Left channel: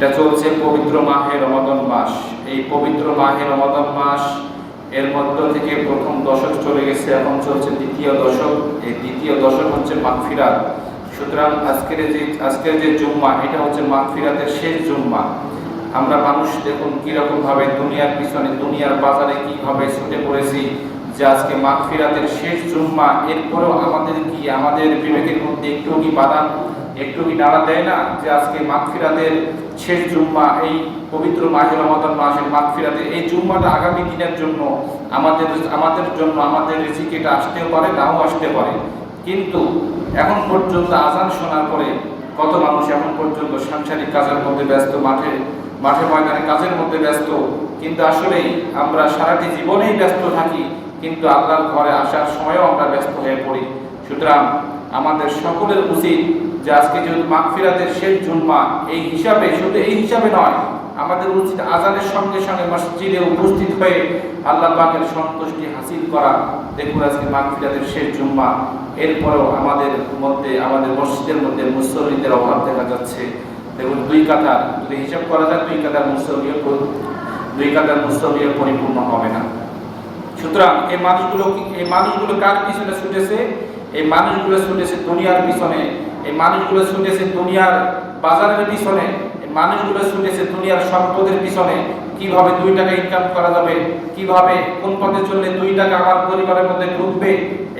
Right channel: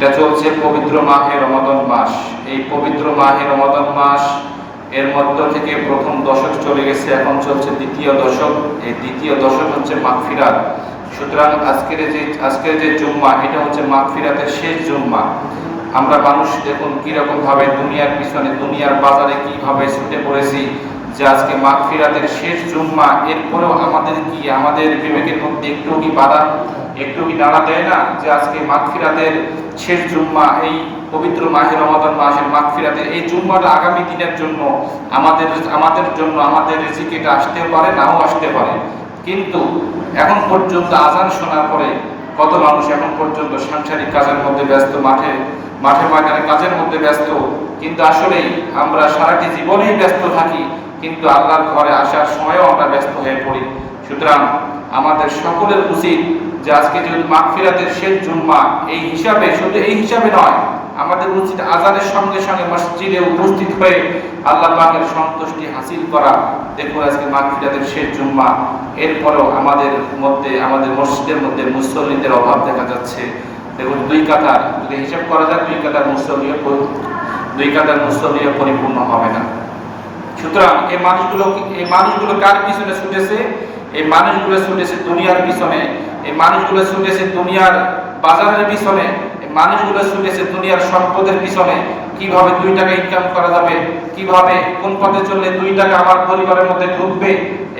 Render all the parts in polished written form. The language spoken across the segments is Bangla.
এটা চলছে পবিত্র মাহে রমাদান মাস। এই পবিত্র মাহে রমাদান মাস এর মধ্য থেকে প্রথম দশক চলে গেছে, এখন চলছে দ্বিতীয় দশক। এই দ্বিতীয় দশক হচ্ছে মাগফিরাত। সুতরাং আজকের যে জুম্মা, এটা হচ্ছে মাগফিরাতের শেষ জুম্মা। আমরা মানুষ দেখুন কিরকম ভাবে দুনিয়ার পিছনে, দুনিয়ার বাজারে কিভাবে ছুটে পড়েছি যে আজকে মাগফিরাতের শেষ জুম্মা। এরপরেও আমাদের বিবেকের মধ্যে একটু কি বাধা, একটু কি নাড়া দেয় না যে আজকে মাগফিরাতের শেষ জুম্মা, এই পবিত্র মাহে রমাদান মাসের মাগফিরাতের এই জুম্মাটা আগামী দিনের জন্য আমাদের রিজিক এটা আসতেও পারে, নাও আসতে পারে। কিন্তু এখন পর্যন্ত আজান শোনার পরে কত মানুষ এখন পর্যন্ত সাংসারিক কাজের মধ্যে ব্যস্ত, মাঠে ময়দানে কাজের মধ্যে ব্যস্ত। কিন্তু আসলেই আমরা সারাটি জীবনেই ব্যস্ত থাকি, কিন্তু আল্লাহর ঘরে আসার সময়ও আমরা ব্যস্ত হয়ে পড়ি। সুতরাং আমাদের সকলের উচিত যে আজকে যেহেতু মাগফিরাতের শেষ জুম্মা, এই হিসাবে, শুধু এই হিসাবে নয়, আমাদের উচিত আজানের সঙ্গে সঙ্গে মসজিদে উপস্থিত হয়ে আল্লাহ পাকের সন্তুষ্টি হাসিল করা। দেখুন আজকে মাগফিরাতের শেষ জুম্মা, এরপরেও আমাদের মসজিদের মধ্যে মুসল্লিদের অভাব দেখা যাচ্ছে। দেখুন দুই কাতার যদি হিসাব করা যায়, দুই কাতার মুসল্লিও পরিপূর্ণ হবে না। সুতরাং এই মানুষগুলো কার পিছনে ছুটেছে? এই মানুষগুলো ছুটেছে দুনিয়ার পিছনে, এই মানুষগুলো ছুটেছে দুনিয়ার বাজারের পিছনে, এই মানুষগুলো ছুটেছে দুনিয়ার সম্পদের পিছনে। কিভাবে 2 টাকা ইনকাম করা যাবে, কিভাবে কোন পথে চললে 2 টাকা আমার পরিবারের মধ্যে ঢুকবে,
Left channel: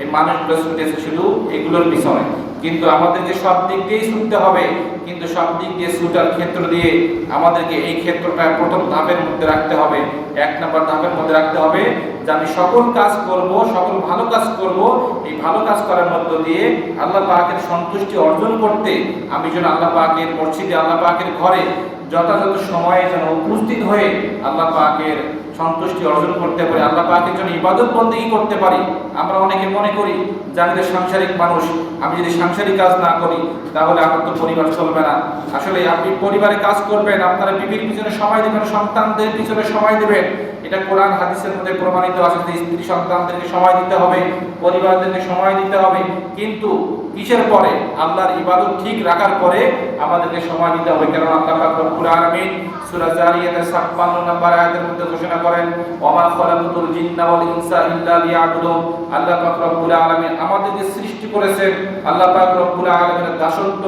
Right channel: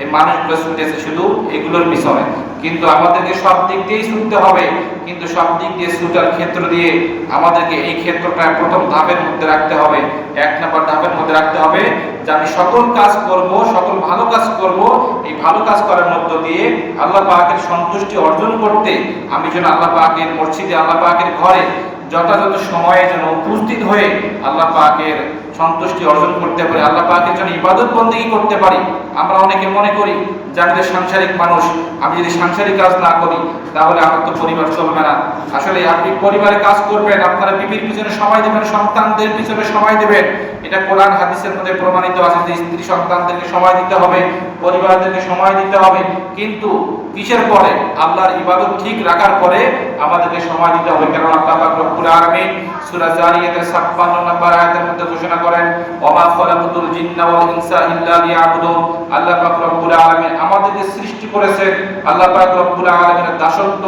এই মানুষগুলো ছুটেছে শুধু এগুলোর পিছনে। কিন্তু আমাদেরকে সব দিক দিয়েই ছুটতে হবে, কিন্তু সব দিক দিয়ে ছুটার ক্ষেত্র দিয়ে আমাদেরকে এই ক্ষেত্রটা প্রথম ধাপের মধ্যে রাখতে হবে। 1 নম্বর ধাপের মধ্যে রাখতে হবে যে আমি সকল কাজ করব, সকল ভালো কাজ করব। এই ভালো কাজ করার মধ্য দিয়ে আল্লাহ পাকের সন্তুষ্টি অর্জন করতে আমি যেন আল্লাহ পাকের মসজিদে, আল্লাহ পাকের ঘরে যথাযথ সময়ে যেন উপস্থিত হয়ে আল্লাহ পাকের সন্তুষ্টি অর্জন করতে পারি, আল্লাহ পাকের জন্য ইবাদত বন্দেগী করতে পারি। আমরা অনেকে মনে করি যে আমি সাংসারিক মানুষ, আমি যদি সাংসারিক কাজ না করি তাহলে আমার তো পরিবার চলবে না। আসলে আপনি পরিবারে কাজ করবেন, আপনারা বিবির পিছনে সময় দেবেন, সন্তানদের পিছনে সময় দেবেন। এটা কোরআন হাদিসের মধ্যে প্রমাণিত আছে যে স্ত্রী সন্তানদেরকে সময় দিতে হবে, পরিবারদেরকে সময় দিতে হবে। কিন্তু কিসের পরে? আল্লাহর ইবাদত ঠিক রাখার পরে আমাদেরকে সময় দিতে হবে। কারণ আল্লাহ পাক রব্বুল আলামিন সূরা জারিয়াতের 56 নম্বর আয়াতের মধ্যে ঘোষণা করেন, ওমা খালাকুতুল জিন্না ওয়াল ইনসা ইল্লা লিয়াবুদুন। আল্লাহ পাক রব্বুল আলামিন আমাদেরকে সৃষ্টি করেছেন আল্লাহ পাক রব্বুল আলামিনের দাসত্ব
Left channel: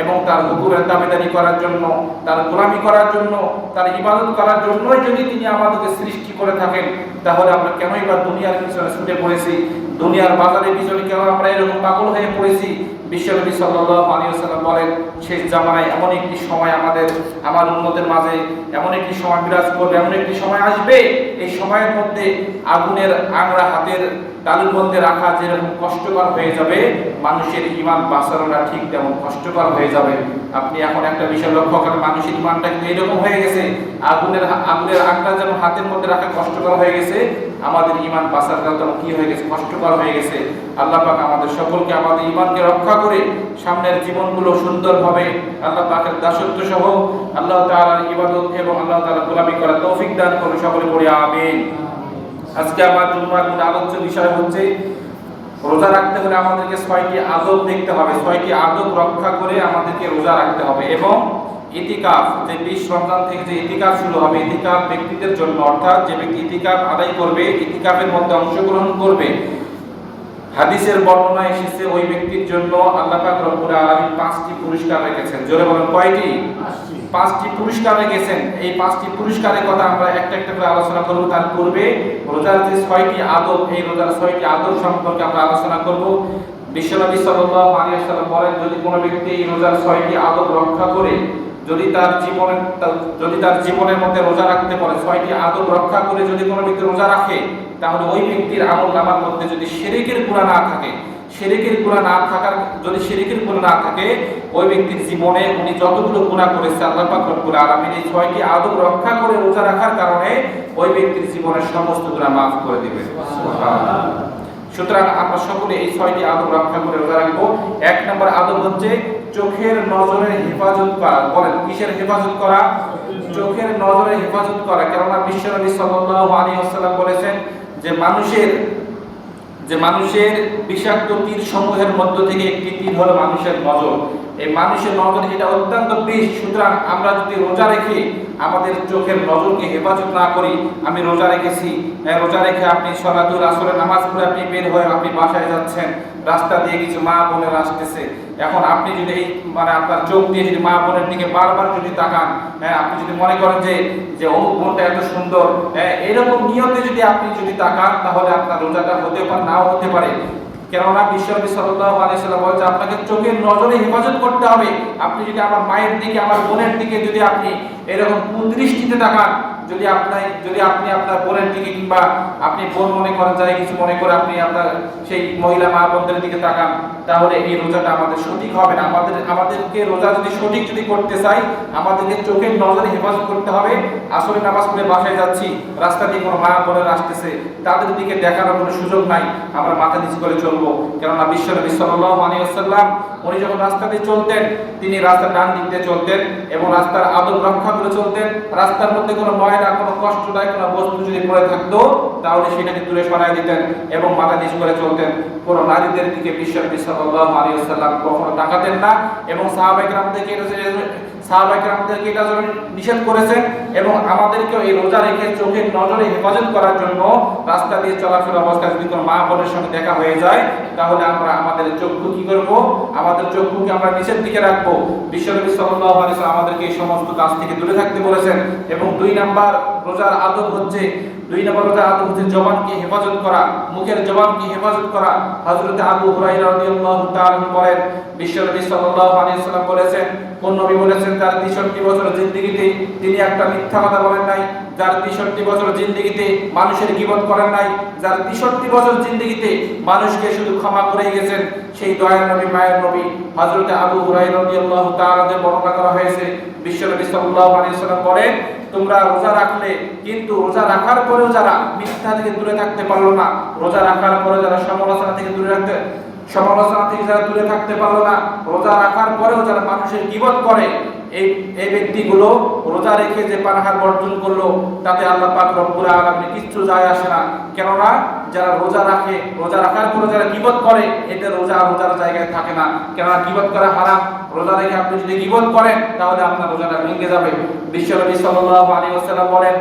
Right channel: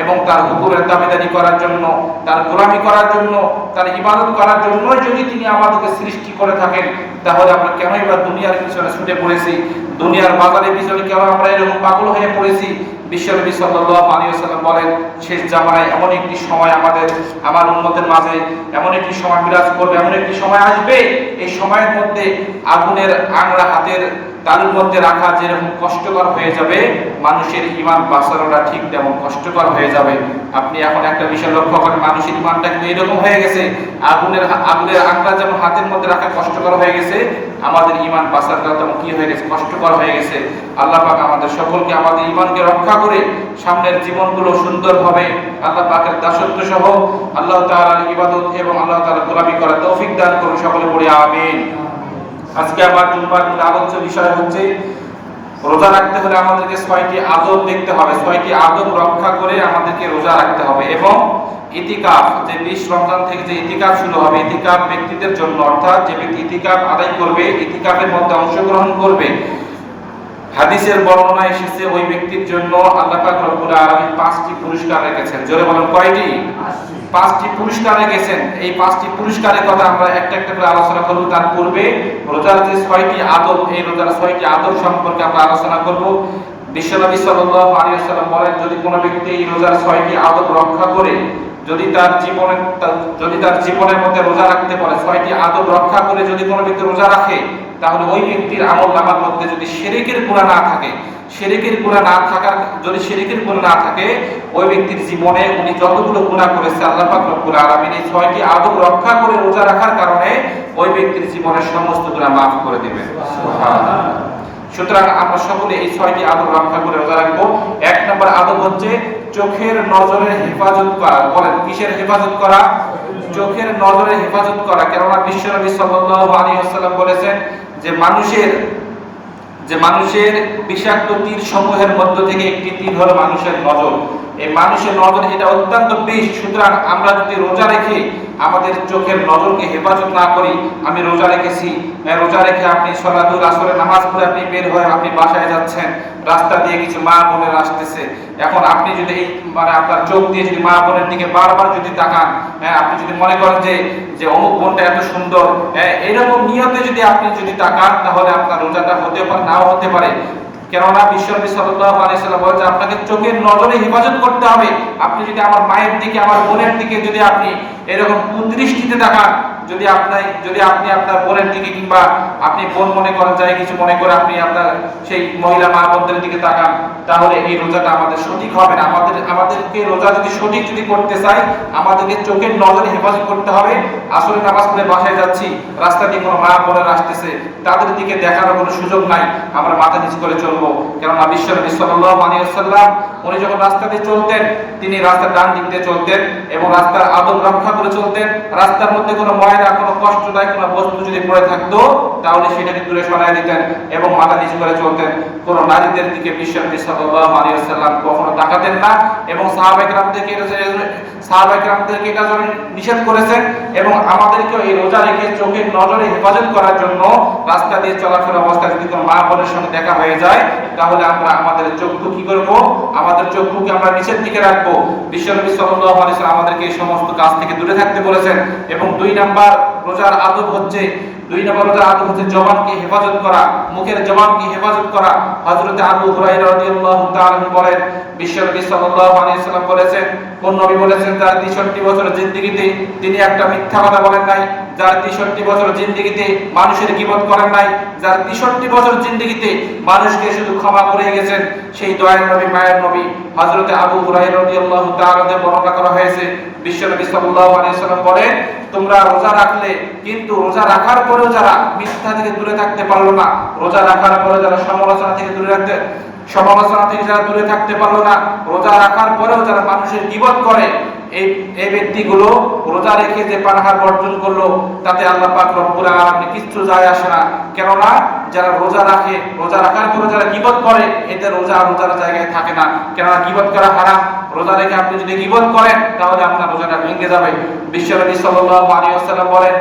এবং তার হুকুমের দাবিদারি করার জন্য, তার গোলামি করার জন্য, তার ইবাদত করার জন্যই যদি তিনি আমাদেরকে সৃষ্টি করে থাকেন, তাহলে আমরা কেনই বা দুনিয়ার পিছনে ছুটে পড়েছি? দুনিয়ার বাজারের পিছনে কেন আমরা এরকম পাগল হয়ে পড়েছি? বিশ্বনবী সাল্লাল্লাহু আলাইহি ওয়াসাল্লাম বলেন, শেষ জামানায় এমন একটি সময় আমার উম্মতের মাঝে এমন একটি সময় বিরাজ করবে, এমন একটি সময় আসবে, এই সময়ের মধ্যে আগুনের আংরা হাতের তালুর মধ্যে রাখা যেরকম কষ্টকর হয়ে যাবে, মানুষের ঈমান বাঁচানোটা ঠিক তেমন কষ্টকর হয়ে যাবে। আপনি এখন একটা বিষয় লক্ষ্য করেন, মানুষের ঈমানটা কিন্তু এরকম হয়ে গেছে, আগুনের আংরা যেমন হাতের মধ্যে রাখা কষ্টকর হয়ে গেছে, আমাদের ঈমান বাঁচানোটা তেমন কি হয়ে গেছে? কষ্টকর হয়ে গেছে। আল্লাহ পাক আমাদের সকলকে আমাদের ঈমানকে রক্ষা করে সামনের জীবনগুলো সুন্দরভাবে আল্লাহ পাকের দাসত্ব সহ আল্লাহ তাআলার ইবাদত এবং আল্লাহ তাআলার গোলামি করার তৌফিক দান করুন। সকলে পড়ি আমিন। আজকে আমার জুম্মার আলোচ্য বিষয় হচ্ছে রোজা রাখতে হলে আমাদেরকে 6টি আদব দেখতে হবে, 6টি আদব রক্ষা করে আমাদেরকে রোজা রাখতে হবে। এবং ইতিকাফ, যে 20 রমজান থেকে যে ইতিকাফ শুরু হবে, ইতিকাফ ব্যক্তিদের জন্য, অর্থাৎ যে ব্যক্তি ইতিকাফ আদায় করবে, ইতিকাফের মধ্যে অংশগ্রহণ করবে, হাদিসের বর্ণনা এসেছে ওই ব্যক্তির জন্য আল্লাহ পাক রব্বুল আলামিন 5টি পুরস্কার রেখেছেন। জোরে বলেন কয়টি? 5টি পুরস্কার রেখেছেন। এই 5টি পুরস্কারের কথা আমরা একটা একটা করে আলোচনা করব। তার পূর্বে রোজার যে 6টি আদব, এই রোজার 6টি আদব সম্পর্কে আমরা আলোচনা করব। বিশ্বনবী সাল্লাল্লাহু আলাইহি ওয়াসাল্লাম বলেন, যদি কোনো ব্যক্তি এই রোজার 6টি আদব রক্ষা করে, যদি তার জীবনের মধ্যে রোজা রাখতে পারে, 6টি আদব রক্ষা করে যদি কোনো ব্যক্তি রোজা রাখে, তাহলে ওই ব্যক্তির আমলনামার মধ্যে যদি শিরকের গুনাহ না থাকে, যদি শিরকের গুনাহ না থাকে, ওই ব্যক্তির জীবনে উনি যতগুলো গুনাহ করেছে আল্লাহ পাক রব্বুল আলামিন এই 6টি আদব রক্ষা করে রোজা রাখার কারণে ওই ব্যক্তির জীবনের সমস্ত গুনাহ মাফ করে দিবেন। সুবহানাল্লাহ। সুতরাং আমরা সকলে এই 6টি আদব রক্ষা করে রোজা রাখবো। 1 নম্বর আদব হচ্ছে চোখের নজরের হেফাজত করা। বলেন কিসের হেফাজত করা? চোখের নজরের হেফাজত করা। কেননা বিশ্বনবী সাল্লাল্লাহু আলাইহি ওয়াসাল্লাম বলেছেন যে যে মানুষের বিষাক্ত তীর সমূহের মধ্য থেকে একটি তীর হলো মানুষের নজর। এই মানুষের নজর এটা অত্যন্ত বিষ। সুতরাং আমরা যদি রোজা রেখে আমাদের চোখের নজরকে হেফাজত না করি, আমি রোজা রেখেছি, রোজা রেখে আপনি সলাতুল আসরের নামাজ পড়ে আপনি বের হয়ে আপনি বাসায় যাচ্ছেন, রাস্তা দিয়ে কিছু মা বোনেরা আসতেছে, এখন আপনি যদি এই আপনার চোখ দিয়ে যদি মা বোনের দিকে বারবার যদি তাকান, আপনি যদি মনে করেন যে অমুক বোনটা এত সুন্দর, এরকম নিয়তে যদি আপনি যদি তাকান, তাহলে আপনার রোজাটা হতে পারে নাও হতে পারে। কেননা বিশ্বনবী সাল্লাল্লাহু আলাইহি সাল্লাম বলেন যে আপনাকে চোখের নজরে হেফাজত করতে হবে। আপনি যদি আমার মায়ের দিকে আমার বোনের দিকে যদি আপনি এরকম কুদৃষ্টিতে তাকান, যদি আপনি আপনার বোনের দিকে কিংবা আপনি বোন মনে করেন যাই কিছু মনে করে আপনি আপনার সেই মহিলা মা বোনদের দিকে তাকান, তাহলে এই রোজাটা আমাদের সঠিক হবে না। আমাদেরকে রোজা যদি সঠিক যদি করতে চাই, আমাদেরকে চোখের নজরে হেফাজত করতে হবে। আসরে নামাজ পড়ে বাসায় যাচ্ছি, রাস্তা দিয়ে কোনো মা বোনেরা আসতেছে, তাদের দিকে দেখানোর কোনো সুযোগ নাই, আমরা মাথা নিচু করে চলবো। কেননা বিশ্বনবী সাল্লাল্লাহু আলাইহি ওয়াসাল্লাম উনি যখন রাস্তা দিয়ে চলতেন, তিনি রাস্তার ডান দিক দিয়ে চলতেন এবং রাস্তার আদব রক্ষা করে চলতেন। রাস্তার মধ্যে কোনো ময়লা, কোনো কষ্টদায়ক কোনো বস্তু যদি পড়ে থাকতো, তাহলে সেটাকে দূরে সরাই দিতেন এবং মাথা নিচু করে চলতেন। কোনো নারীদের দিকে বিশ্বনবী সাল্লাল্লাহু আলাইহি ওয়াসাল্লাম কখনো তাকাতেন না এবং সাহাবায়ে কেরামদেরকে এটা নিষেধ করেছেন। এবং আমাদেরকেও এই রোজা রেখে চোখের নজরে হেফাজত করার জন্য রাস্তা দিয়ে চলাফেরা অবস্থায় যদি কোনো মা বোনের সঙ্গে দেখা হয়ে যায়, তাহলে আমরা আমাদের চক্ষু কি করব? আমাদের চক্ষুকে আমরা নিচের দিকে রাখবো। বিশ্বনবী সাল্লাল্লাহু আলাইহি ওয়াসাল্লাম আমাদেরকে এই সমস্ত কাজ থেকে দূরে থাকতে বলেছেন। এবং দুই নাম্বার রোজার আদব হচ্ছে জবানকে হেফাজত করা, মুখের জবানকে হেফাজত করা। হযরত আবু হুরায়রা রাদিয়াল্লাহু তাআলা বলেন, বিশ্বনবী সাল্লাল্লাহু আলাইহি ওয়াসাল্লাম বলেছেন, কোন নবী বলেছেন তার 63 বছর জিন্দেগিতে তিনি একটা মিথ্যা কথা বলেন নাই, যার 63 বছর জিন্দেগিতে মানুষের গীবত করেন নাই, যার 63 বছর জিন্দেগিতে মানুষকে শুধু ক্ষমা করে গেছেন, সেই দয়ার নবী মায়ের নবী হযরত আবু হুরায়রা রাদিয়াল্লাহু তাআলা বর্ণনা করা হয়েছে। বিশ্বনবী সাল্লাল্লাহু আলাইহি ওয়াসাল্লাম বলেন, তোমরা রোজা রাখলে, কিন্তু রোজা রাখার পরেও যারা মিথ্যা থেকে দূরে থাকতে পারলো না, রোজা রাখার পরে যারা সমালোচনা থেকে যারা দূরে থাকতে পারলো না, রোজা রাখার পরেও যারা মানুষের গীবত করে, এই ব্যক্তিগুলো রোজা রেখে যে পানাহার বর্জন করলো, তাতে আল্লাহ পাক রব্বুল আলামিন কিছু যায় আসে না। কেননা যারা রোজা রাখে, রোজা রাখার পরে যারা গীবত করে, এতে রোজার জায়গায় থাকে না। কেননা গীবত করা হারাম। রোজা রেখে আপনি যদি গীবত করেন, তাহলে আপনার রোজাটা ভেঙে যাবে। বিশ্বনবী সাল্লাল্লাহু আলাইহি ওয়াসাল্লাম বলেন,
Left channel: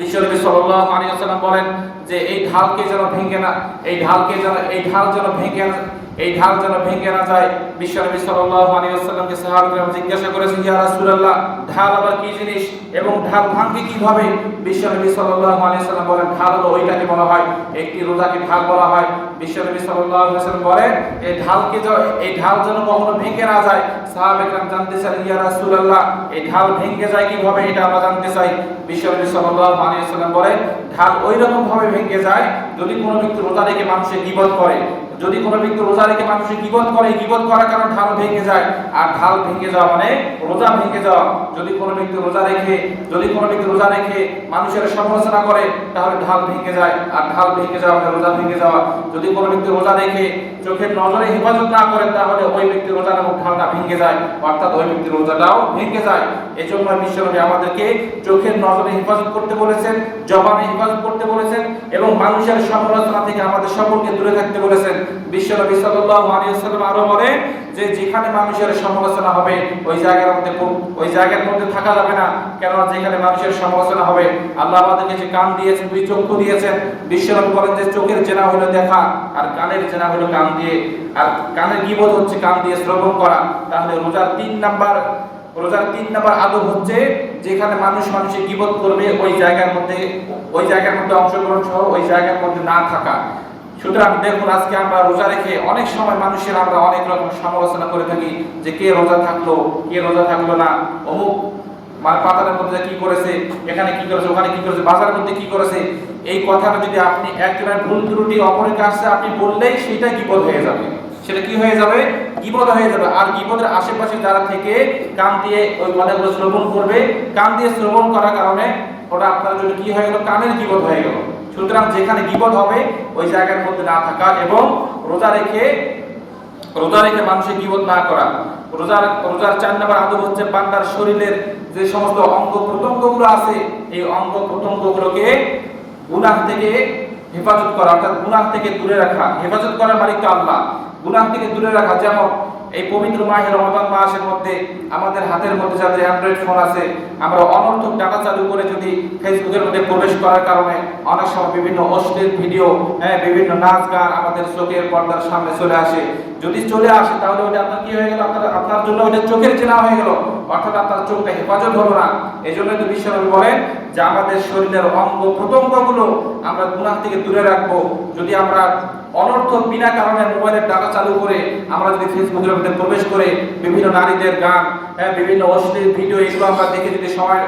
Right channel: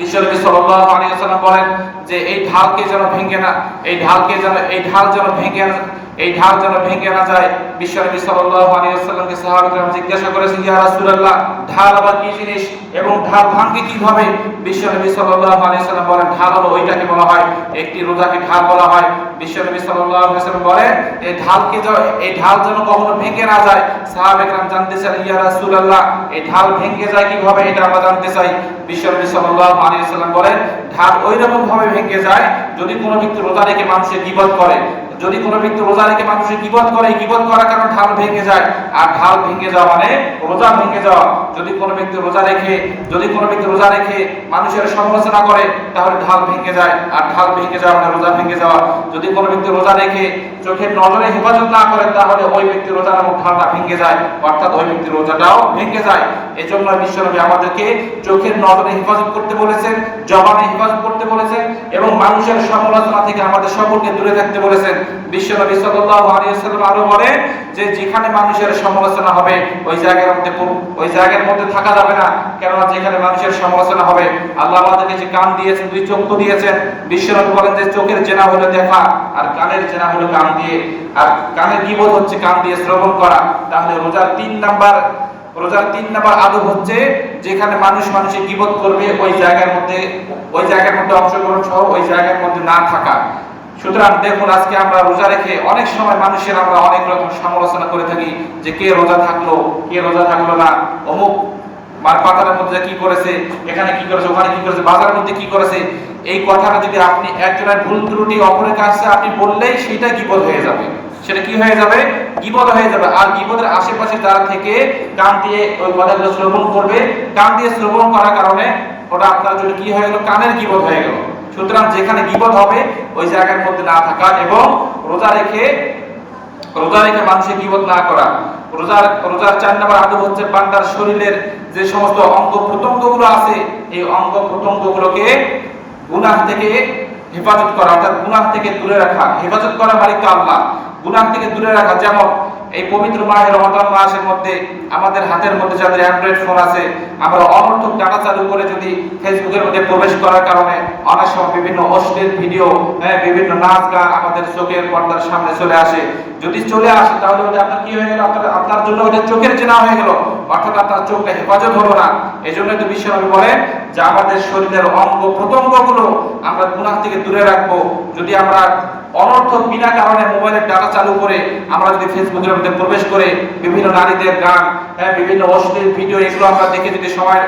বিশ্বনবী সাল্লাল্লাহু আলাইহি ওয়াসাল্লাম বলেন যে এই ঢালকে যেন ভেঙে না, এই ঢাল যেন ভেঙে না যায়। বিশ্বনবী সাল্লাল্লাহু আলাইহি ওয়াসাল্লামকে সাহাবায়ে জিজ্ঞাসা করেছেন, ইয়া রাসূলুল্লাহ, ঢাল আবার কি জিনিস এবং ঢাল ভাঙবে কিভাবে? বিশ্বনবী সাল্লাল্লাহু আলাইহি ওয়াসাল্লাম বলেন, ঢাল হলো ওইটাকে বলা হয়, একটি রোজাকে ঢাল বলা হয়। বিশ্বনবী সাল্লাল্লাহু আলাইহি ওয়াসাল্লাম বলেন, এই ঢাল যেন কখনো ভেঙে না যায়। সাহাবায়ে কেরাম জানতে চান, ইয়া রাসূলুল্লাহ, এই ঢাল ভেঙে যায় কিভাবে, এটা আমরা জানতে চাই। বিশ্বনবী সাল্লাল্লাহু আলাইহি ওয়াসাল্লাম বলেন, ঢাল ওইরকম ভাবে ভেঙে যায়, যদি কোনো ব্যক্তি রোজা রেখে মানুষের গীবত করে, যদি কোনো ব্যক্তি রোজা রেখে মানুষের গীবত করে, গীবত করার কারণে ঢাল ভেঙে যায়। আর ঢাল ভেঙে যাওয়া মানে রোজা ভেঙে যাওয়া। যদি কোনো ব্যক্তি রোজা রেখে মানুষের সমালোচনা করে, তাহলে ঢাল ভেঙে যায়। আর ঢাল ভেঙে যাওয়া মানে রোজা ভেঙে যাওয়া। যদি কোনো ব্যক্তি রোজা রেখে চোখের নজরে হেফাজত না করে, তাহলে ওই ব্যক্তি রোজা এবং ঢালটা ভেঙে যায়, অর্থাৎ ওই ব্যক্তির রোজাটাও ভেঙে যায়। এজন্য বিশ্বনবী আমাদেরকে চোখের নজরে হেফাজত করতে বলেছেন, জবানে হেফাজত করতে বলেছেন এবং মানুষের সমালোচনা থেকে আমাদের সকলকে দূরে থাকতে বলেছেন। বিশ্বনবী সাল্লাল্লাহু আলাইহি ওয়াসাল্লাম আরো বলেন যে যেখানে মানুষের সমালোচনা হবে, ওই জায়গার মধ্যে থাকা যাবে না। কেননা যেখানে মানুষের সমালোচনা হবে, আল্লাহ আমাদেরকে যে কান দিয়েছেন, দুই চক্ষু দিয়েছেন, বিশ্বনবী বলেন যে চোখের জেনা হলো দেখা, আর কানের জেনা হলো কান দিয়ে, আর কানের গীবত হচ্ছে কান দিয়ে শ্রবণ করা। তাহলে রোজার 3 নাম্বার আদব হচ্ছে, যেখানে মানুষের গীবত করবে, ওই জায়গার মধ্যে অংশগ্রহণ সহ ওই জায়গার মধ্যে না থাকা। সুতরাং দেখুন, আজকে আমরা রোজা রেখে অনেক সময় মানুষের আমরা অনেক রকম সমালোচনা করে থাকি, যে কে রোজা থাকলো না, অমুক পাতার মধ্যে কি করেছে, এখানে কি করেছে, ওখানে কি করেছে, বাজারের মধ্যে কি করেছে। এই কথাটা যদি আপনি একজনের ভুল ত্রুটি অপরের কাছে আপনি বললেই সেটা গীবত হয়ে যাবে। সেটা কি হয়ে যাবে? গীবত হয়ে যাবে। আর গীবতের আশেপাশে যারা থেকে কান দিয়ে ওই কথাগুলো শ্রবণ করবে, কান দিয়ে শ্রবণ করার কারণে ওটা আপনার জন্য কি হয়ে গেল? কানের গীবত হয়ে গেল। সুতরাং যেখানে গীবত হবে, ওই জায়গার মধ্যে না থাকা এবং রোজা রেখে মানুষের গীবত না করা। রোজার 4 নম্বর আদব হচ্ছে বান্দার শরীরের যে সমস্ত অঙ্গ প্রত্যঙ্গগুলো আছে, এই অঙ্গ প্রত্যঙ্গগুলোকে গুনাহ থেকে হেফাজত করা, অর্থাৎ গুনাহ থেকে দূরে রাখা। হেফাজত করা মালিক তো আল্লাহ, গুনাহ থেকে দূরে রাখা। যেমন এই পবিত্র মাহে রমাদান মাসের মধ্যে আমাদের হাতের মধ্যে যাদের অ্যান্ড্রয়েড ফোন আছে, আমরা অনর্থক ডাটা চালু করে যদি ফেসবুকের মধ্যে প্রবেশ করার কারণে অনেক সময় বিভিন্ন অশ্লীল ভিডিও, বিভিন্ন নাচ গান আমাদের চোখের পর্দার সামনে চলে আসে। যদি চলে আসে তাহলে ওটা আপনার কি হয়ে গেল, আপনার জন্য ওটা চোখের চেনা হয়ে গেল, অর্থাৎ আপনার চোখটা হেফাজত হলো না। এই জন্যই তো বিশ্বনবী বলেন যে আমাদের শরীরের অঙ্গ প্রত্যঙ্গগুলো আমরা গুনাহ থেকে দূরে রাখবো। যদি আমরা অনর্থক বিনা কারণে মোবাইলের ডাটা চালু করে আমরা যদি ফেসবুকের মধ্যে প্রবেশ করে বিভিন্ন নারীদের গান, বিভিন্ন অশ্লীল ভিডিও এগুলো আমরা দেখে যদি সময়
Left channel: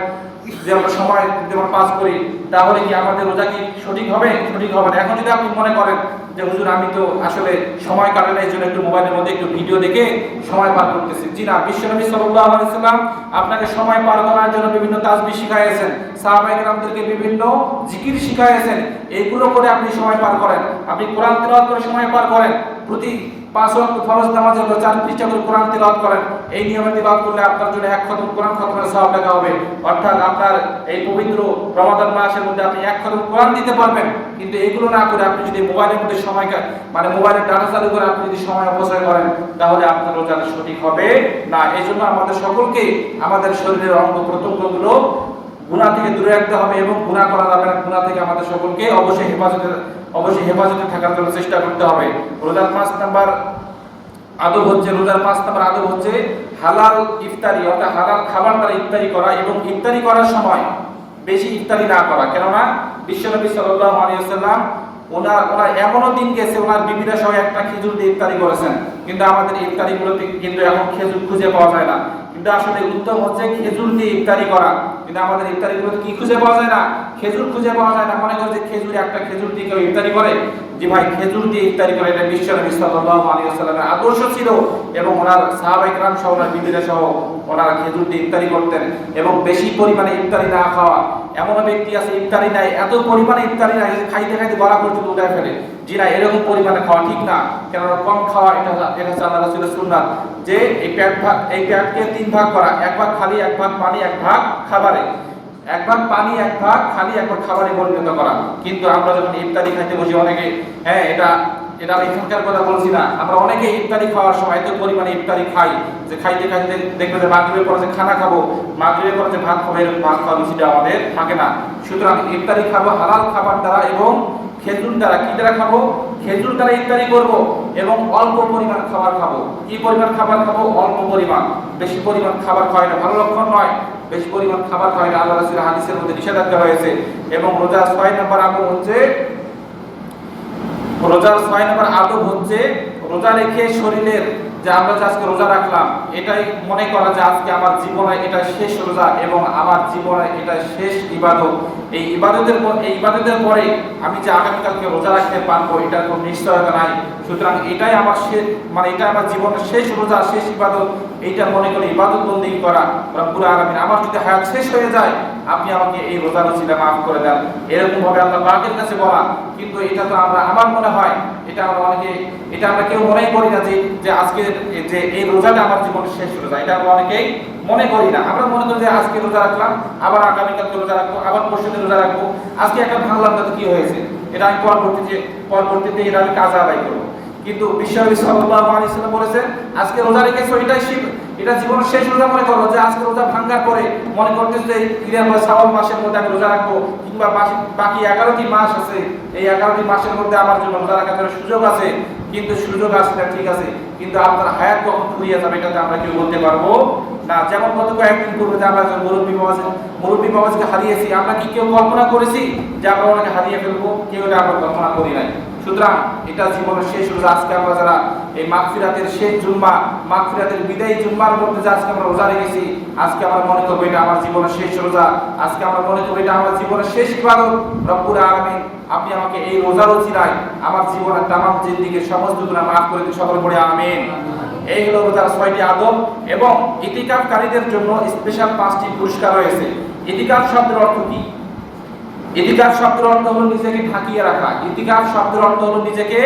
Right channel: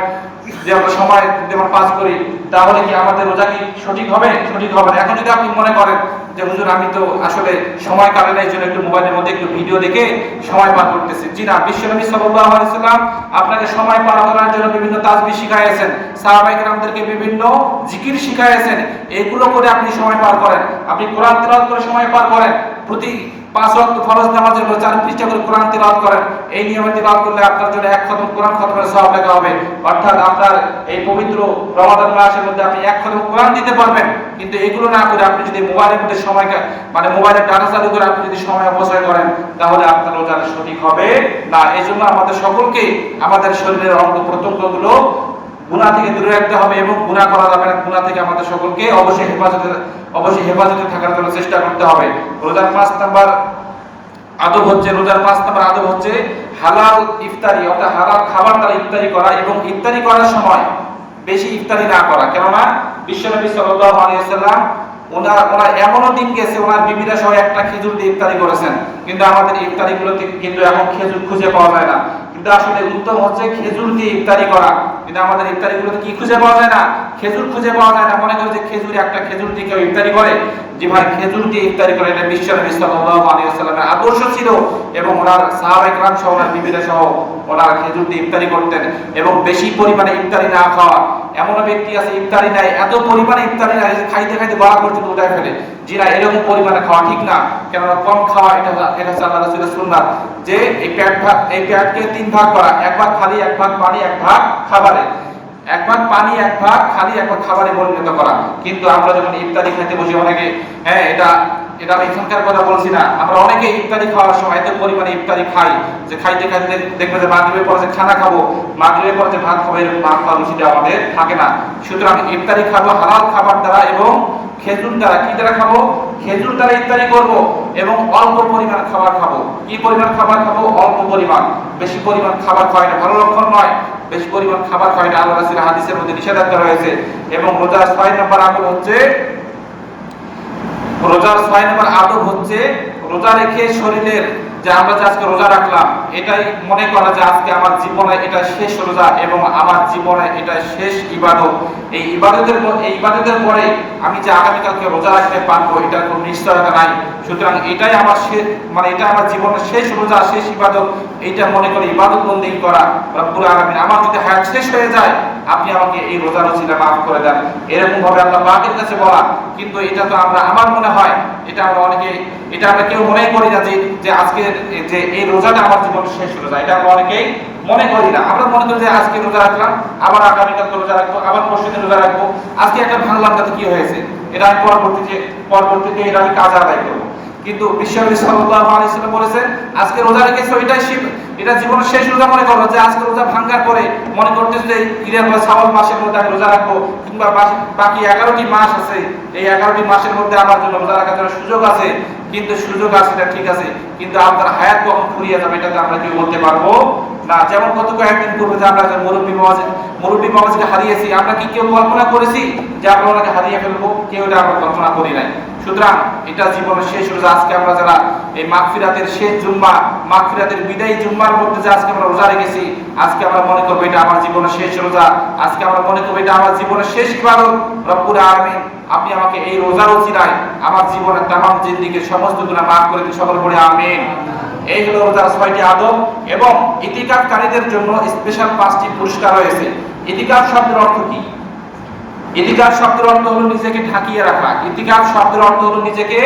যেমন পাস করি, তাহলে কি আমাদের রোজা কি সঠিক হবে? সঠিক হবে না। এখন যদি আপনি মনে করেন যে হুজুর আমি তো আসলে সময় কাটে না, এই জন্য একটু মোবাইলের মধ্যে একটু ভিডিও দেখে সময় পার করতেছি, জি না, বিশ্বনবী সাল্লাল্লাহু আলাইহি সাল্লাম আপনাকে সময় পার করার জন্য বিভিন্ন তাসবিহ শিখাইয়েছেন, সাহাবায়ে কেরামদেরকে বিভিন্ন জিকির শিখাইয়েছেন। এগুলো করে আপনি সময় পার করেন, আপনি কোরআন তেলাওয়াত করে সময় পার করেন, প্রতি 5 ওয়াক্ত ফরজ নামাজের পর 4 পৃষ্ঠা করে কোরআন তেলাওয়াত করেন। এই নিয়মে তেলাওয়াত করলে আপনার জন্য 1 খতম কোরআন খতমের সওয়াব লেখা হবে। অর্থাৎ আপনার এই পবিত্র রমাদান মাসের মধ্যে আপনি 1 খতম কোরআন দিতে পারবেন। কিন্তু এগুলো না করে আপনি যদি মোবাইলের মধ্যে মোবাইলের ডাটা চালু করে আপনি যদি সময় অপচয় করেন, তাহলে আপনার রোজা সঠিক হবে না। এই জন্য আমাদের সকলকে আমাদের শরীরের অঙ্গ প্রত্যঙ্গগুলো গুনাহ থেকে দূরে রাখতে হবে এবং গুনাহ করা যাবে না। গুনাহ থেকে আমাদের সকলকে অবশ্যই হেফাজতে থাকার জন্য চেষ্টা করতে হবে। রোজার 5 নাম্বার আদব হচ্ছে হালাল ইফতারি, অর্থাৎ হালাল খাবার দ্বারা ইফতারি করা এবং ইফতারি করার সময় বেশি ইফতারি না করা। কেননা বিশ্বনবী সাল্লাল্লাহু আলাইহি ওয়াসাল্লাম ওনার এমনও দিন গেছে ওনার বিবিরা সহ একটা খেজুর দিয়ে ইফতারি করেছেন, কিন্তু আমাদের ইফতারিগুলোতে কিন্তু এখন খেজুর খুঁজে পাওয়া যায় না। কিন্তু আসলে উত্তম হচ্ছে খেজুর দিয়ে ইফতারি করা, কিন্তু আমাদের ইফতারিগুলোতে কি খুঁজে পাওয়া যায় না? খেজুর খুঁজে পাওয়া যায় না। মনে করে যে একটা খেজুর দিয়ে কেউ ইফতারি করে, যে ভাই খেজুর দিয়ে ইফতারি করে, এটা বিশ্বনবী সাল্লাল্লাহু আলাইহি ওয়াসাল্লামের আদর্শ ছিল এবং ওনার সাহাবায়ে কেরাম সহ ওনার বিবিরা সহ ওনারা খেজুর দিয়ে ইফতারি করতেন। এবং বেশি পরিমাণে ইফতারি না খাওয়া, এমন ব্যক্তি আছে ইফতারি নাই, এত পরিমাণে ইফতারি নাই খাইতে খাইতে গলা পর্যন্ত উঠায় ফেলে, জি না, এরকম পরিমাণে খাওয়া ঠিক না। কেননা কম খাওয়া এটা আল্লাহ রাসূলের সুন্নাত, যে এই পেটকে 3 ভাগ করা, 1 ভাগ খালি, 1 ভাগ পানি, 1 ভাগ খাবারে, 1 ভাগ পানি, 1 ভাগ খালি, 1 ভাগ খাবারে পরিণত করা। কিন্তু আমরা যখন ইফতারি খাইতে বসি অনেকে, এটা আমি এখানকার কথা বলছি না, আমরা অনেকে ইফতারি খাওয়ার সময় এত পরিমাণে ইফতারি খাই যে খাইতে খাইতে দেখবে যে মাগরিবের পরে যে খানা খাবো, মাগরিবের পরে যে ভাত খাবো, এরকম ভাত খাওয়ার রুচিটা আমাদের থাকে না। সুতরাং ইফতারি খাবো হালাল খাবার দ্বারা এবং খেজুর দ্বারা। কি দ্বারা খাবো? খেজুর দ্বারা ইফতারি করব এবং অল্প পরিমাণ খাবার খাবো। কি পরিমাণ খাবার খাবো? অল্প পরিমাণ। বেশি পরিমাণ খাবার খাওয়া এটা ভালো লক্ষণ নয়। বেশি পরিমাণ খাবার খাওয়া এটা আল্লাহ রাসূলের হাদিসের মধ্যে নিষেধাজ্ঞা রয়েছে। এবং রোজার 6 নম্বর আদব হচ্ছে রোজা রেখে শরীরের, যে আমরা যে আজকে রোজা রাখলাম, এটাই মনে করা যে আজকে আমার জীবনে এটা শেষ রোজা এবং আমার জীবনে এটা শেষ ইবাদত। এই ইবাদতের পরে আমি যে আগামীকালকে রোজা রাখতে পারবো এটার কোনো নিশ্চয়তা নাই। সুতরাং এটাই আমার এটা আমার জীবনের শেষ রোজা, শেষ ইবাদত, এইটা মনে করে ইবাদত বন্দেগী করা। রব্বুল আলামিন আমার যদি হায়াত শেষ হয়ে যায়, আপনি আমাকে এই রোজার ওসিলা মাফ করে দেন, এরকম ভাবে আল্লাহ পাকের কাছে বলা। কিন্তু এটা তো আমার মনে হয় এটা আমরা কেউ মনে করি না যে আজকে যে এই রোজাটা আমার জীবনের শেষ রোজা, এটা আমরা অনেকেই মনে করি না। আমরা মনে করি যে আজকে রোজা রাখলাম, আবার আগামীকালকে রোজা রাখবো, আবার পরশুদিন রোজা রাখবো, আজকে একটা ভাঙলাম তাতে কি হয়েছে, এটা আমি পরবর্তীতে এটা আমি কাজে আদায় করবো। কিন্তু বিশ্বনবী সাল্লাল্লাহু আলাইহি ওয়াসাল্লাম বলেছেন আজকে রোজা রেখেছো এটা জীবনের শেষ রোজা মনে করো, যে আজকে রোজা ভাঙার পরে মনে করতেছ যে শাওয়াল মাসের মধ্যে আমি রোজা রাখবো, কিংবা বাকি 11টি মাস আছে, এই 11টি মাসের মধ্যে আমার জন্য রোজা রাখার জন্য সুযোগ আছে। কিন্তু সুযোগ আছে না, ঠিক আছে, কিন্তু আপনার হায়াত কখন ফুরিয়ে যাবে এটা তো আমরা কেউ বলতে পারবো না। যেমন গত কয়েকদিন পূর্বে যে আমরা মুরব্বী বাবাজিকে হারিয়েছি, আমরা কি কেউ কল্পনা করেছি যে আমরা ওনাকে হারিয়ে ফেলবো? কেউ এটা আমরা কল্পনা করি নাই। সুতরাং এটা জীবনের শেষ রোজা। আজকে আমরা যারা এই মাগফিরাতের শেষ জুম্মা, মাগফিরাতের বিদায়ী জুম্মার মধ্যে যে আজকে আমরা রোজা রেখেছি, আজকে আমরা মনে করবো এটা আমার জীবনের শেষ রোজা, আজকে আমরা মনে করবো এটা আমার জীবনের শেষ ইবাদত। রব্বুল আলামিন আপনি আমাকে এই রোজার ওসিলায় আমার জীবনের তামাম জিন্দেগীর সমস্ত গুনাহ মাফ করে দিন, সকলে বলি আমিন। এই হলো রোজার 6টি আদব। এবং ইতিকাফকারীদের জন্য স্পেশাল 5টি পুরস্কার রয়েছে। ইতিকাফ শব্দের অর্থ কি? ইতিকাফ শব্দের অর্থ হলো নিজেকে ঢাকিয়ে রাখা। ইতিকাফ শব্দের অর্থ হলো নিজেকে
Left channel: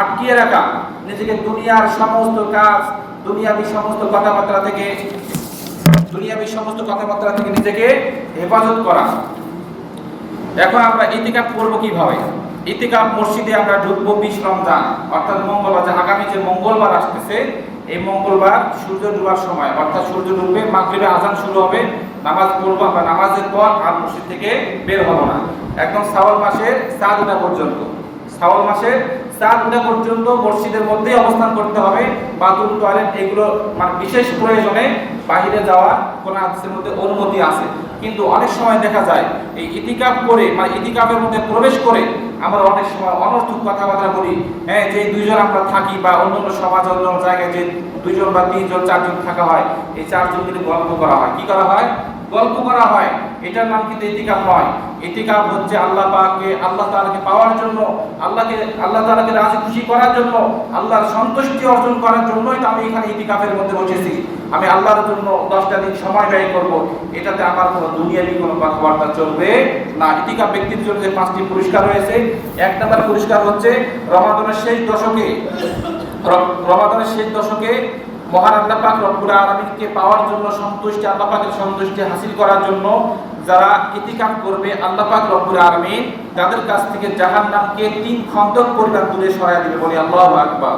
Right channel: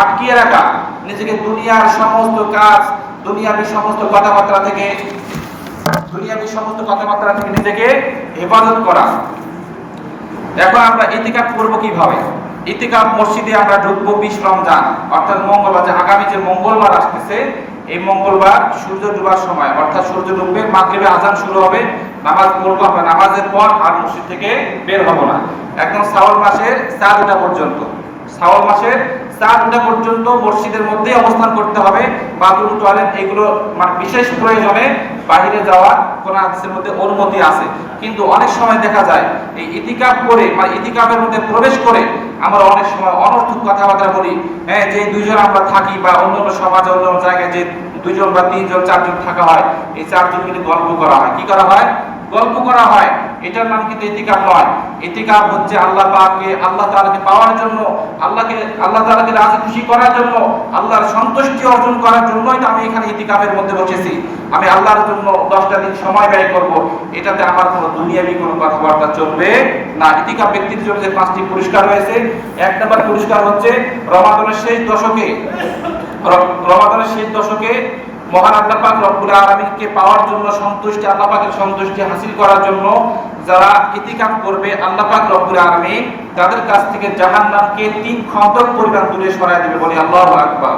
আটকিয়ে রাখা, নিজেকে দুনিয়ার সমস্ত কাজ, দুনিয়াবি সমস্ত কথাবার্তা থেকে নিজেকে হেফাজত করা। এখন আমরা ইতিকাফ করব কিভাবে? ইতিকাফ মসজিদে আমরা ঢুকবো 20 রমজান অর্থাৎ মঙ্গলবার, যে আগামী যে মঙ্গলবার আসতেছে, এই মঙ্গলবার সূর্য ডুবার সময় অর্থাৎ সূর্য ডুববে, মাগরিবে আজান শুরু হবে, নামাজ পড়বো আমরা, নামাজের পর আর মসজিদ থেকে বের হবো না একদম শাওয়াল মাসের 4টা পর্যন্ত। শাওয়াল মাসের 4টা পর্যন্ত মসজিদের মধ্যেই অবস্থান করতে হবে। বাথরুম, টয়লেট এগুলো মানে বিশেষ প্রয়োজনে বাইরে যাওয়ার কোন হাদিসের মধ্যে অনুমতি আছে। কিন্তু অনেক সময় দেখা যায় এই ইতিকাফ করে মানে ইতিকাফের মধ্যে প্রবেশ করে আমরা অনেক সময় অনর্থক কথাবার্তা বলি। হ্যাঁ, যে দুইজন আমরা থাকি বা অন্য সমাজে অন্য জায়গায় যে 2জন বা 3জন 4জন থাকা হয়, এই 4জন মিলে গল্প করা হয়। কি করা হয়? গল্প করা হয়। এটার নাম কিন্তু ইতিকাফ নয়। ইতিকাফ হচ্ছে আল্লাহ তাআলাকে পাওয়ার জন্য, আল্লাহ তাআলাকে রাজি খুশি করার জন্য, আল্লাহর সন্তুষ্টি অর্জন করার জন্যই তো আমি এখানে ইতিকাফের মধ্যে বসেছি। আমি আল্লাহর জন্য 10টা দিন সময় ব্যয় করব। এটাতে আমার কোনো দুনিয়াবি কোনো কথাবার্তা চলবে না। ইতিকাফ ব্যক্তির জন্য যে 5টি পুরস্কার রয়েছে, 1 নম্বর পুরস্কার হচ্ছে রমাদানের শেষ দশকে মহান আল্লাহ পাক রব্বুল আলামিনকে পাওয়ার জন্য, সন্তুষ্টি আল্লাহ পাকের সন্তুষ্টি হাসিল করার জন্য যারা ইতিকাফ করবে, আল্লাহ পাক রব্বুল আলামিন তাদের কাছ থেকে জাহান্নামকে 3 খন্দক পরিমাণ দূরে সরায় দিবে। বলি আল্লাহু আকবার।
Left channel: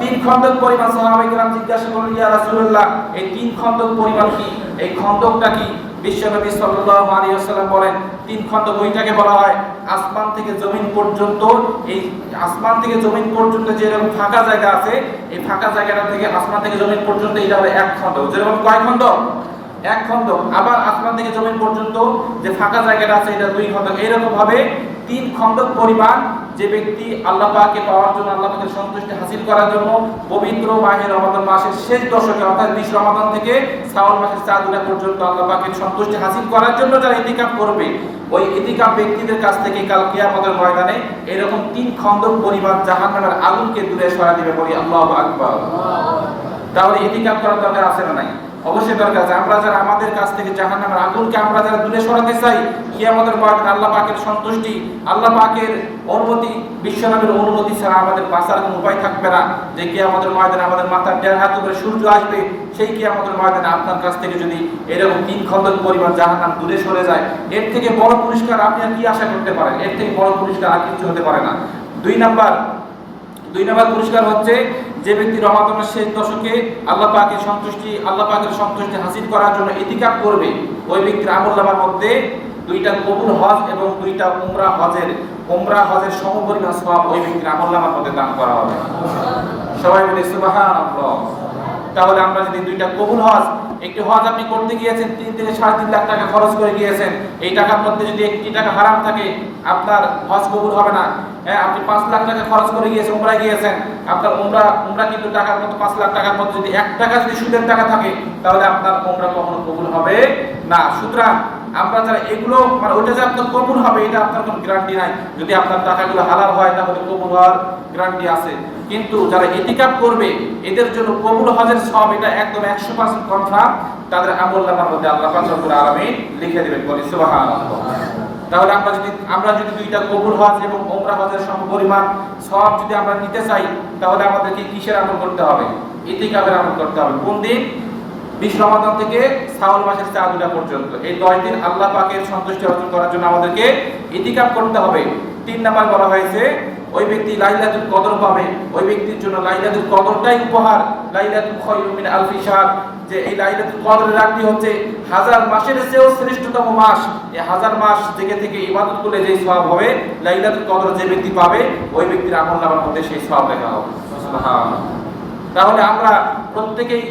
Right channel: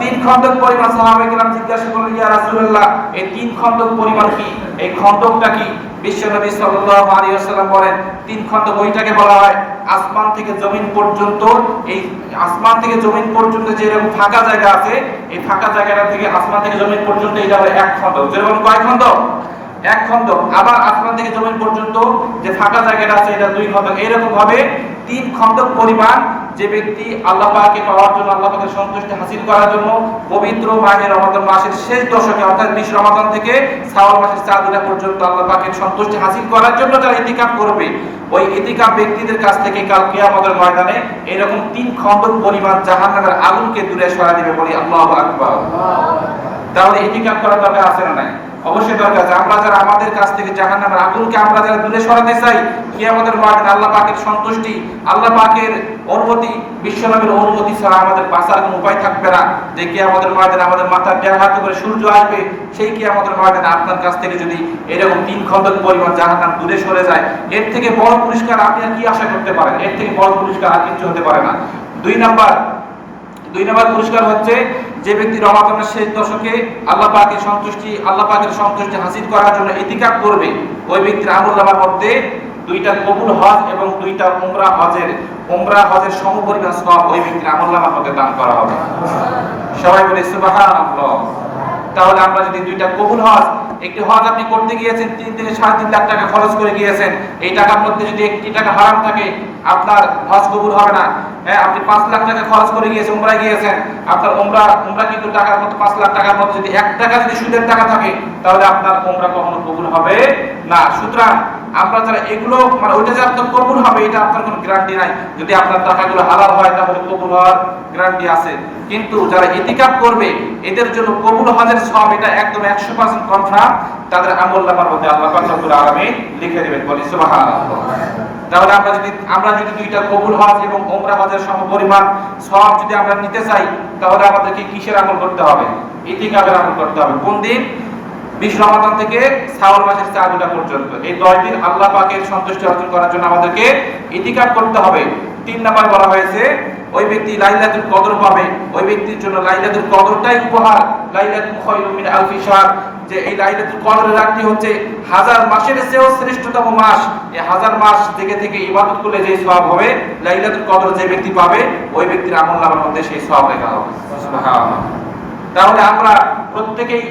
3 খন্দক পরিমাণ। সাহাবায়ে কেরাম জিজ্ঞাসা করলেন, ইয়া রাসূলুল্লাহ, এই 3 খন্দক পরিমাণ কি? এই খন্দকটা কি? বিশ্বনবী সাল্লাল্লাহু আলাইহি ওয়াসাল্লাম বলেন, 3 খন্দক ওইটাকে বলা হয় আসমান থেকে জমিন পর্যন্ত। এই আসমান থেকে জমিন পর্যন্ত যে এরকম ফাঁকা জায়গা আছে, এই ফাঁকা জায়গাটা থেকে আসমান থেকে জমিন পর্যন্ত এটা হলো 1 খন্দক। যেরকম কয় খন্দক? 1 খন্দক। আবার আসমান থেকে জমিন পর্যন্ত যে ফাঁকা জায়গাটা আছে, এটা 2 খন্দক। এইরকম ভাবে 3 খন্দক পরিমাণ যে ব্যক্তি আল্লাহ পাককে পাওয়ার জন্য, আল্লাহ পাকের সন্তুষ্টি হাসিল করার জন্য পবিত্র মাহে রমাদান মাসের শেষ দশকে অর্থাৎ 20 রমাদান থেকে শাওয়াল মাসের 4 দিন পর্যন্ত আল্লাহ পাকের সন্তুষ্টি হাসিল করার জন্য যারা ইতিকাফ করবে, ওই ইতিকাফ ব্যক্তিদের কাছ থেকে কাল কিয়ামতের ময়দানে এরকম 3 খন্দক পরিমাণ জাহান্নামের আগুনকে দূরে সরায় দিবে। বলি আল্লাহু আকবার। তাহলে ইতিকাফ করার দরকার আছে না নাই? অবশ্যই দরকার আছে। আমরা যারা আমাদের কাছ থেকে জাহান্নামের আগুনকে আমরা যারা দূরে সরাতে চাই, কিয়ামতের ময়দানে আল্লাহ পাকের সন্তুষ্টি, আল্লাহ পাকের অনুমতি, বিশ্বনবীর অনুমতি ছাড়া আমাদের বাঁচার কোনো উপায় থাকবে না। যে কিয়ামতের ময়দানে আমাদের মাথার 1.5 হাত উপরে সূর্য আসবে, সেই কিয়ামতের ময়দানে আপনার কাছ থেকে যদি এরকম 3 খন্দক পরিমাণ জাহান্নাম দূরে সরে যায়, এর থেকে বড় পুরস্কার আপনি আর কি আশা করতে পারেন? এর থেকে বড় পুরস্কার আর কিছু হতে পারে না। 2 নাম্বার পুরস্কার হচ্ছে যে ব্যক্তি রমাদানের শেষ দশকে আল্লাহ পাকের সন্তুষ্টি হাসিল করার জন্য ইতিকাফ করবে, ওই ব্যক্তির আমলনামার মধ্যে 2টা কবুল হজ এবং 2টা উমরা হজের সমপরিমাণ সওয়াব ওই ব্যক্তির আমলনামার মধ্যে দান করা হবে। সবাই বলে সুবহানাল্লাহ। তাহলে আমরা যদি 2টা কবুল হজ, একটি হজ আপনি করতে গিয়েছেন 3 থেকে 3.5 লাখ টাকা খরচ করে গিয়েছেন, এই টাকার মধ্যে যদি 1টি টাকা হারাম থাকে আপনার হজ কবুল হবে না। হ্যাঁ, আপনি 5 লাখ টাকা খরচ করে গিয়েছেন, উমরায় গিয়েছেন, আপনার উমরা কিন্তু টাকার মধ্যে 5 লাখ টাকার মধ্যে যদি 1 টাকা যদি সুদের টাকা থাকে, তাহলে আপনার উমরা কখনো কবুল হবে না। সুতরাং আমরা যারা এগুলো মানে ওইটা যে আপনার কবুল হবে এটা আপনার কোনো গ্যারান্টি নাই। যদি আপনার টাকাগুলো হালাল হয় তাহলে কবুল হওয়ার গ্যারান্টি আছে। কিন্তু যারা ইতিকাফ করবে এদের জন্য কবুল হজের সওয়াব এটা একদম 100% কনফার্ম। তাদের আমলনামার মধ্যে আল্লাহ পাক রব্বুল আলামিন লিখে দিবেন। বলি সুবহানাল্লাহ। তাহলে আমরা যদি 2টা কবুল হজ এবং উমরা হজের সমপরিমাণ সওয়াব যদি আমরা নিতে চাই, তাহলে আমাদেরকে কিসের আমল করতে হবে? ইতিকাফের আমল করতে হবে। কোন দিন? 20 রমাদান থেকে শাওয়াল মাসের 4 দিন পর্যন্ত। এই 10 দিন আল্লাহ পাকের সন্তুষ্টি অর্জন করার জন্য আমাদেরকে ইতিকাফ করতে হবে। 3 নাম্বার বলা হয়েছে ওই ব্যক্তি লাইলাতুল কদর পাবে, ওই ব্যক্তির জন্য লাইলাতুল কদরটাই উপহার। লাইলাতুল খায়রুম মিন আলফি শাহর, যে এই লাইলাতুল কদরের রাতটি হচ্ছে 1000 মাসের চেয়েও শ্রেষ্ঠতম মাস। এই 1000 মাস থেকে ইবাদত করলে যে সওয়াব হবে, লাইলাতুল কদর যে ব্যক্তি পাবে ওই ব্যক্তির আমলনামার মধ্যে সেই সওয়াব লেখা হবে। সুবহানাল্লাহ। তাহলে আমরা প্রত্যেকেই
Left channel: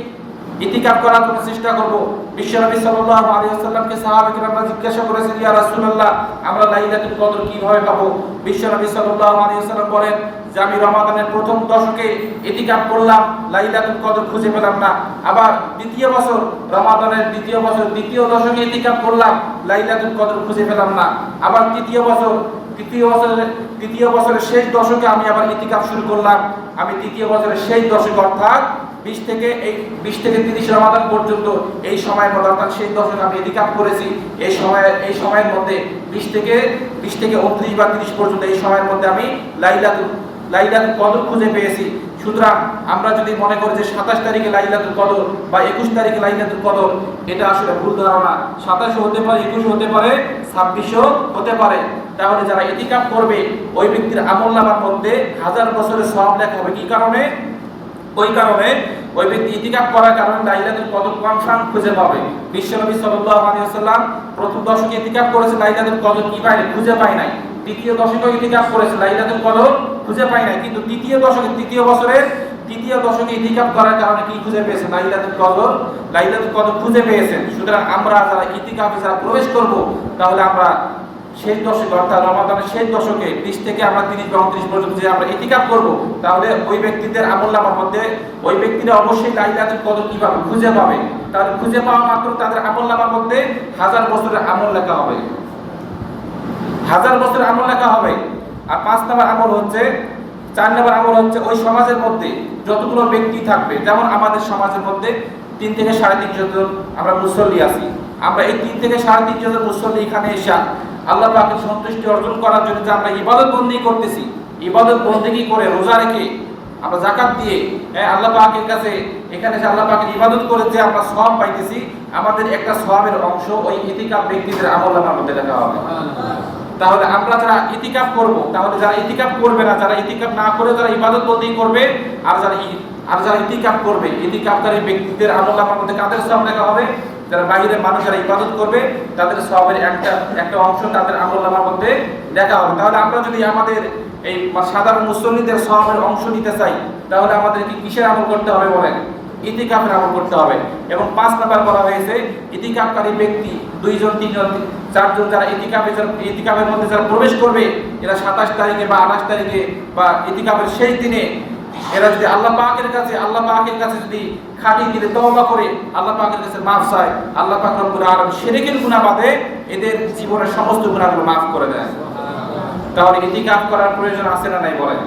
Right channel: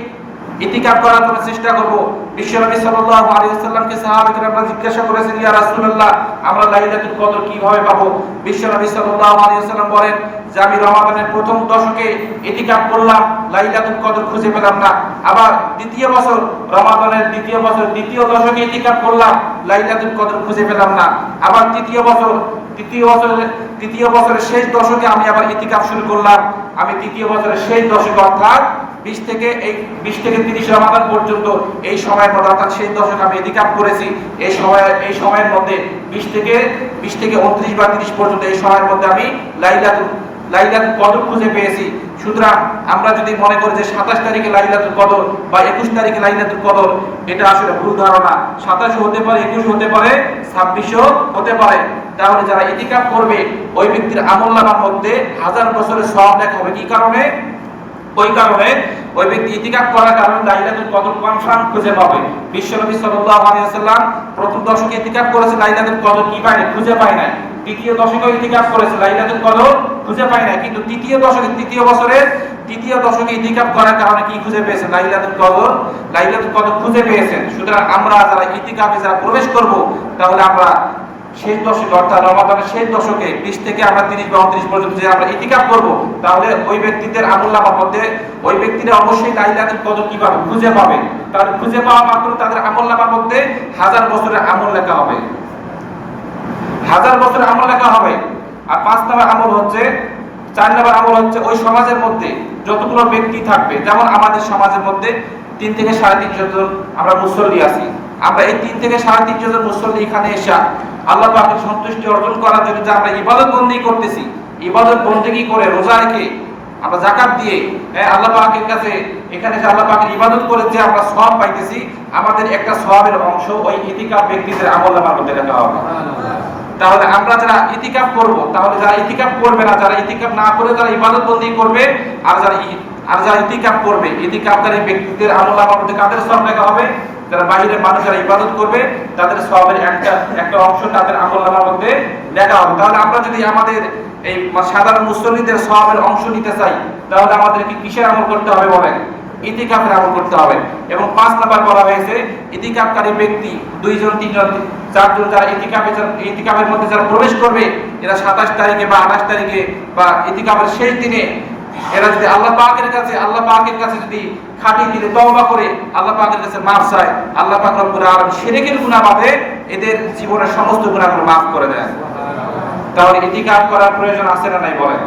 ইতিকাফ করার জন্য চেষ্টা করব। বিশ্বনবী সাল্লাল্লাহু আলাইহি ওয়াসাল্লামকে সাহাবায়ে কেরামরা জিজ্ঞাসা করেছেন, ইয়া রাসূলুল্লাহ, আমরা লাইলাতুল কদর কিভাবে পাবো? বিশ্বনবী সাল্লাল্লাহু আলাইহি ওয়াসাল্লাম বলেন যে আমি রমাদানের প্রথম দশকে ইতিকাফ করলাম, লাইলাতুল কদর খুঁজে পেলাম না। আবার রমাদানের দ্বিতীয় দশকে ইতিকাফ করলাম, লাইলাতুল কদর খুঁজে পেলাম না। আবার তৃতীয় বছরের শেষ দশকে আমি আবার ইতিকাফ শুরু করলাম। আমি তৃতীয় বছরের শেষ দশকে অর্থাৎ 20 থেকে 30 রমাদান পর্যন্ত এই সময়ের মধ্যে অর্থাৎ শেষ দশকে আমি ইতিকাফ করেছি। এই সময়ের মধ্যে 20 থেকে 29 বা 30 পর্যন্ত এই সময়ের মধ্যে আমি লাইলাতুল কদর খুঁজে পেয়েছি। সুতরাং আমরা যদি মনে করি যে 27 তারিখে লাইলাতুল কদর বা 21 তারিখে লাইলাতুল কদর, এটা আসলে ভুল ধারণা। 27 হতে পারে, 21 হতে পারে, 26 হতে পারে। তাহলে যারা ইতিকাফ করবে ওই ব্যক্তির আমলনামার মধ্যে 1000 বছরের সওয়াব লেখা হবে। কি কারণে? ওই কারণে ওই ব্যক্তি ইতিকাফ করার কারণে লাইলাতুল কদর কনফার্ম খুঁজে পাবে। বিশ্বনবী সাল্লাল্লাহু আলাইহি ওয়াসাল্লাম প্রথম দশকে ইতিকাফ করেছে, লাইলাতুল কদর কি পায় খুঁজে পায় না। দ্বিতীয় দশকে ইতিকাফ করেছে, লাইলাতুল কদর খুঁজে পায় না। কিন্তু তৃতীয় দশকে, তৃতীয় বছরের তৃতীয় দশকে ইতিকাফ করার কারণে কি খুঁজে পেয়েছেন? লাইলাতুল কদর খুঁজে পেয়েছেন। সুতরাং আমরা যারা ইতিকাফে যারা প্রবেশ করব, তাহলে আমরা শেষ দশকে অর্থাৎ রমাদানের শেষ দশকে 20 থেকে আমরা 30 বা 29 পর্যন্ত যে আমরা ইতিকাফ করব, তাহলে ওই ব্যক্তিদের আমলনামার মধ্যে ওই ব্যক্তিরা অবশ্যই লাইলাতুল কদর কিভাবে খুঁজে পাবে। তাহলে খুঁজে পাওয়া মাত্র তাদের আমলনামার মধ্যে 1000 বছরের আমল লেখা হবে, 1000 বছরের আমল লেখা হবে। আর 5 নম্বর আমল হচ্ছে, 4 নম্বর আমল হচ্ছে ওই সমাজের মধ্যে যতগুলো ব্যক্তি থাকবে, যেমন আমাদের সমাজের মধ্যে 3 থেকে 3.5 জন আমরা মুসল্লি আছি। আমরা এই 3 থেকে 3.5 জন মুসল্লি এখানে এসে আল্লাহ পাকের সন্তুষ্টি অর্জন করার জন্য যে আমরা ইবাদত বন্দেগী করতেছি, ইবাদত বন্দেগী করে রোজা রেখে আমরা যাকাত দিয়ে আল্লাহ পাকের কাছে এখানে যে আল্লাহ পাকের ইবাদত করে যে আমরা সওয়াব পাইতেছি, আমাদের একটা সওয়াবের অংশ ওই ইতিকাফ ব্যক্তিদের আমলনামার মধ্যে লেখা হবে। তাহলে আমরা যারা ইতিকাফ করব, তাহলে যারা ইতিকাফ করবে না, যারা ইতিকাফ না করে যারা ইবাদত বন্দেগী করবে, আর যারা ইতিকাফ করবে, ইতিকাফকারী ব্যক্তিদের আমলনামার মধ্যে কাদের সওয়াব লেখা হবে? যারা বাইরের মানুষ যারা ইবাদত করবে তাদের সওয়াবের একটা অংশ তাদের আমলনামার মধ্যে লেখা হবে। তাহলে আমরা যদি আমাদের এই সাধারণ মুসল্লিদের সওয়াবের অংশ নিতে চাই, তাহলে আমাদেরকে কিসের আমল করতে হবে বলেন? ইতিকাফের আমল করতে হবে। এবং 5 নাম্বার বলা হয়েছে ইতিকাফকারী ব্যক্তি 2 জন 3 জন 4 জন যারা ইতিকাফের মধ্যে যারা প্রবেশ করবে, এরা 27 তারিখে বা 28 তারিখে বা ইতিকাফের শেষ দিনে এরা যদি আল্লাহ পাকের কাছে যদি খাঁটি দিলে তওবা করে আল্লাহ পাকের কাছে মাফ চায়, আল্লাহ পাক রব্বুল আলামিন শিরকের গুনাহ বাদে এদের জীবনের সমস্ত গুনাহগুলো মাফ করে দেন। তাহলে ইতিকাফ করার প্রয়োজন আছে না নাই বলেন?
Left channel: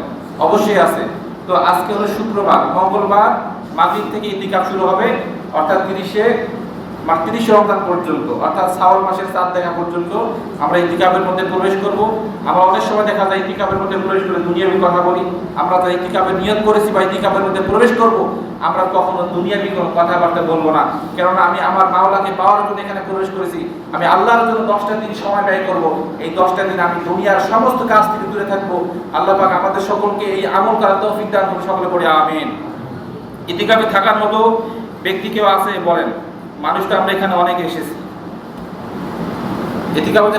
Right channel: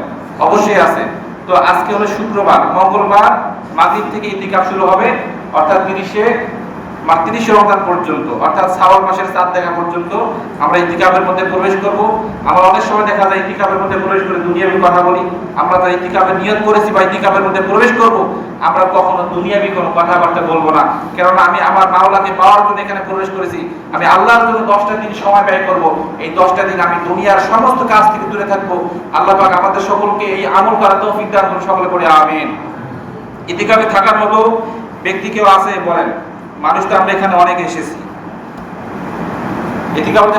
অবশ্যই আছে। তো আজকে হলো শুক্রবার, মঙ্গলবার মাগরিব থেকে ইতিকাফ শুরু হবে, অর্থাৎ 30 রমজান পর্যন্ত, অর্থাৎ শাওয়াল মাসের চাঁদ দেখা পর্যন্ত আমরা ইতিকাফের মধ্যে প্রবেশ করব। আমরা অনেক সময় দেখা যায় ইতিকাফের মধ্যে প্রবেশ করে দুনিয়াবি কথা বলি। আমরা যারা ইতিকাফের নিয়ত করেছি বা ইতিকাফের মধ্যে প্রবেশ করব, আমরা কখনো দুনিয়াবি কোনো কথাবার্তা বলবো না। কেননা আমি আমার মাওলাকে পাওয়ার জন্য এখানে প্রবেশ করেছি। আমি আল্লাহর জন্য 10টা দিন সময় ব্যয় করব। এই 10টা দিন আমি দুনিয়ার সমস্ত কাজ থেকে দূরে থাকবো। আল্লাহ পাক আমাদের সকলকে এই আমল করার তৌফিক দান করুন, সকলে পড়ে আমিন। ইতিকাফে থাকার মতো ব্যক্তি কেউ আছে বলেন? মানুষ তো আমরা এখানে অনেকে এসেছি। ইতিকাফে